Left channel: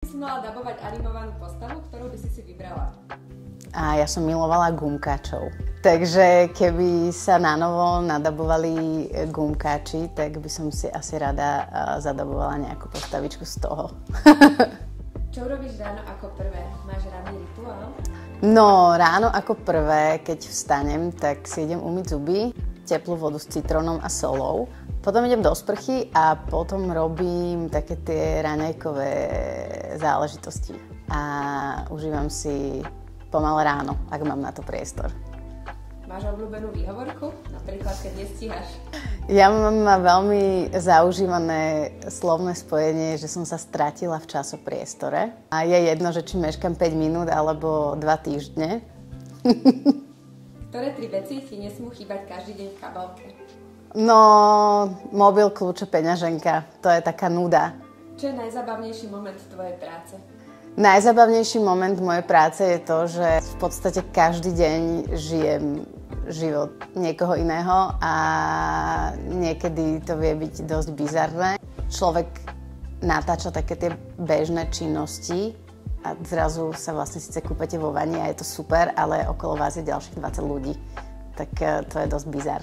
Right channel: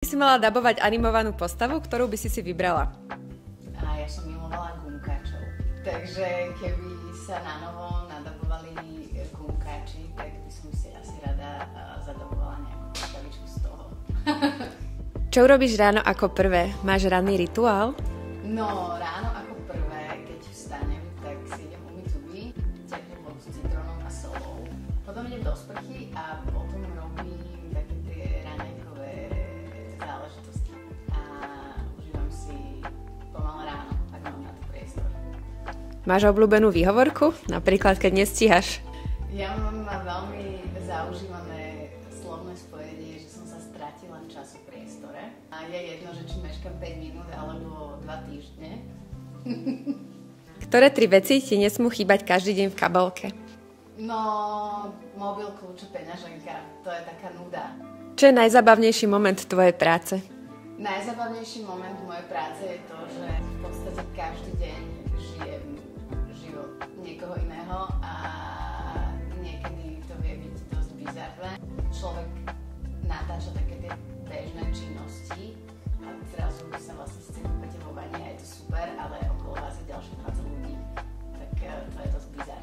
Si mala dabovať animovanú postavu, ktorú by si vybrala? A ja som milovala gumkáčov. Takže keby sa nanovo nadabovali gumkáči, tak by som si asi rada zadabovala nejakú postavičku z toho. Čo urobíš ráno ako prvé? Máš ranný rituál? No, ráno ako prvé, keď vstanem, tak si idem umyť zuby, teplú vodu s citrónom a solou. Potom idem do sprchy a potom robím také tie raňajkové záležitosti. A užívam si pomalé ráno, ak mám na to priestor. Máš obľúbenú výhovorku? Napríklad, keď nestíhaš? Ja mám veľmi zaužívané slovné spojenie, že som sa stratila v časopriestore. A je jedno, že či meškam 5 minút alebo 2 týždne. Ktoré 3 veci ti nesmú chýbať každý deň v kabelke? No, mobil, kľúče, peňaženka. To je taká nuda. Čo je najzabavnejší moment tvojej práce? Najzabavnejší moment mojej práce je to, že v podstate každý deň žijem život niekoho iného a niekedy to vie byť dosť bizarné. Človek natáča také tie bežné činnosti a zrazu sa vlastne síce kúpete vo vani a je to super, ale okolo vás je ďalších 20 ľudí. Tak to je dosť bizar.